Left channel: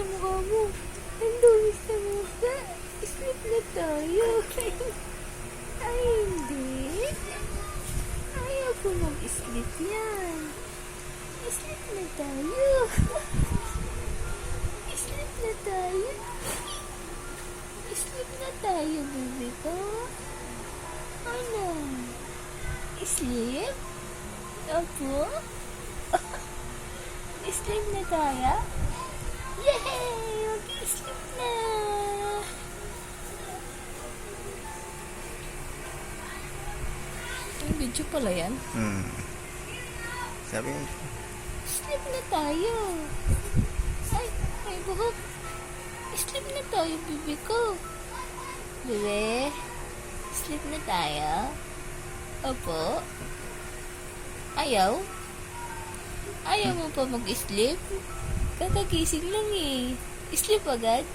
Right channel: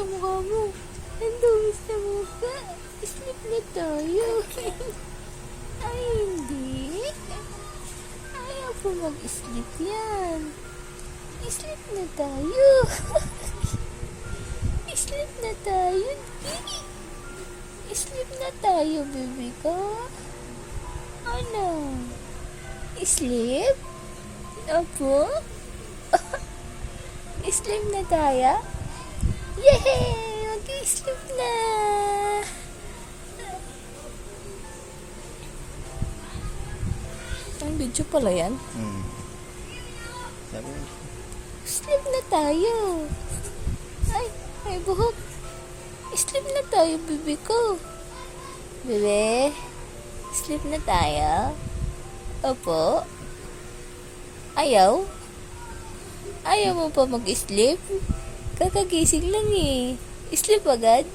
sa mukha mo. Ang dumi sa mukha. Sleep na tayo. Ay, hindi. Ayaw ko mag-sleep yan. Sleep na tayo. Sleep na tayo. Sleep na tayo, baby ko. Ano? Sleep? Opo? Sleep na tayo? Yay! Mag-sleep na! Ang video pala yan? Sabi mo. Sleep na tayo. Ay, may buhok. Sleep na tayo, bibi ko. Bebe, sleep na tayo. Opo. Ayaw? Ayaw mo pa mag-sleep? Kakagising lang eh. Sleep agad?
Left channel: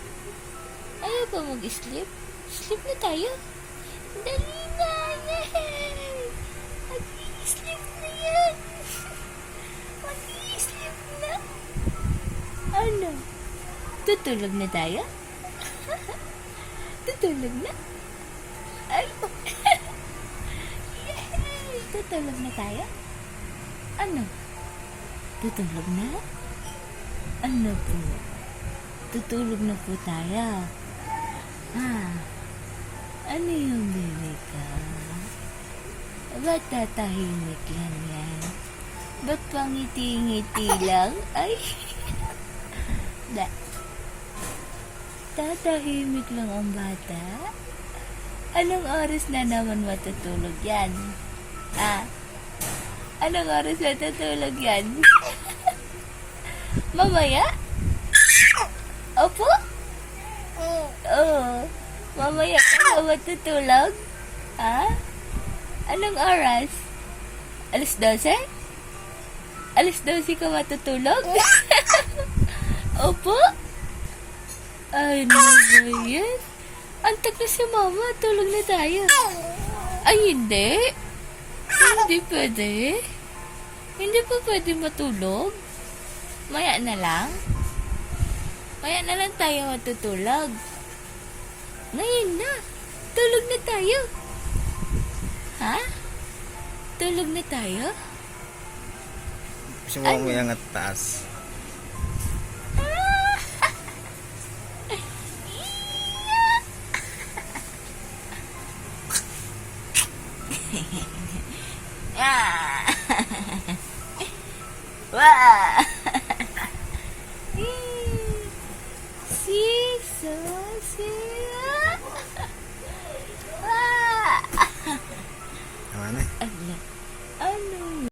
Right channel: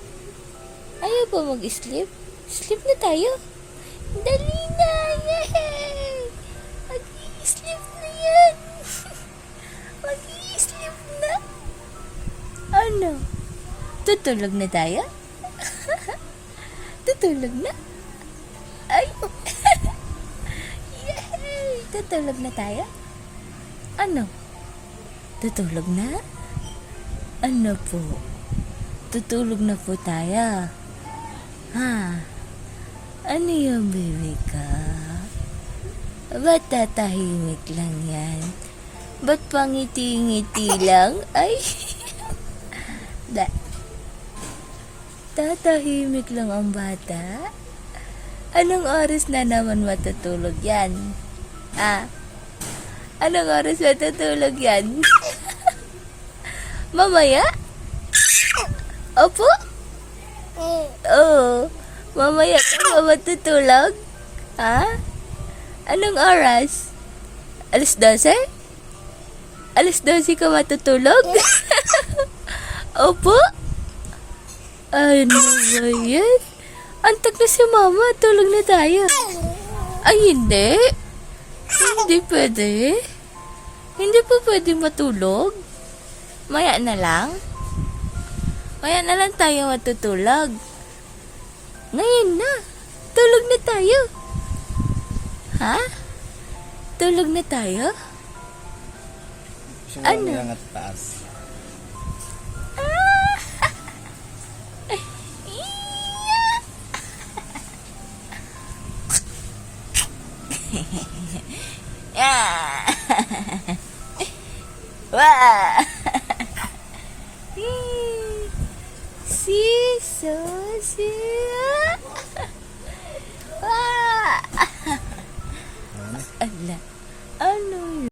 Ayaw pa mag-sleep? Sleep na tayo. Dali na! Yay! Mag-sleep na yan! Mag-sleep na! Ano? Tutulog na tayo? Tutulog na? Ay! Oh. Yay! Tutulog na tayo? Ano? Tutulog na? Ano po? Tutulog na po tayo. Ha? Ano yung baby ka? Ba't tatahimik lang yan? Ba't pangiti-ngiti lang? Ay! Da. Tatahimik lang ang bata? Anong oras na naman matutulog yan? Ah? Anong oras matutulog yan? Mamaya? Opo? Oo. Mamaya ka matutulog? Ha? Anong oras? Alas 12? Alas 12 ka matutulog? Opo? Ay, ano ba yan? Antok na si mama. Tulog na tayo. Ay, hindi. Hindi pwede. Hindi pa pwede matulog. Maya na lang. Maya na lang tayo matutulog. Ngayon na. Tulog na tayo. Ha? Tulog na tayo? Gusto mo may angat taas. Wah! Siso, siya. Wah! Tama na.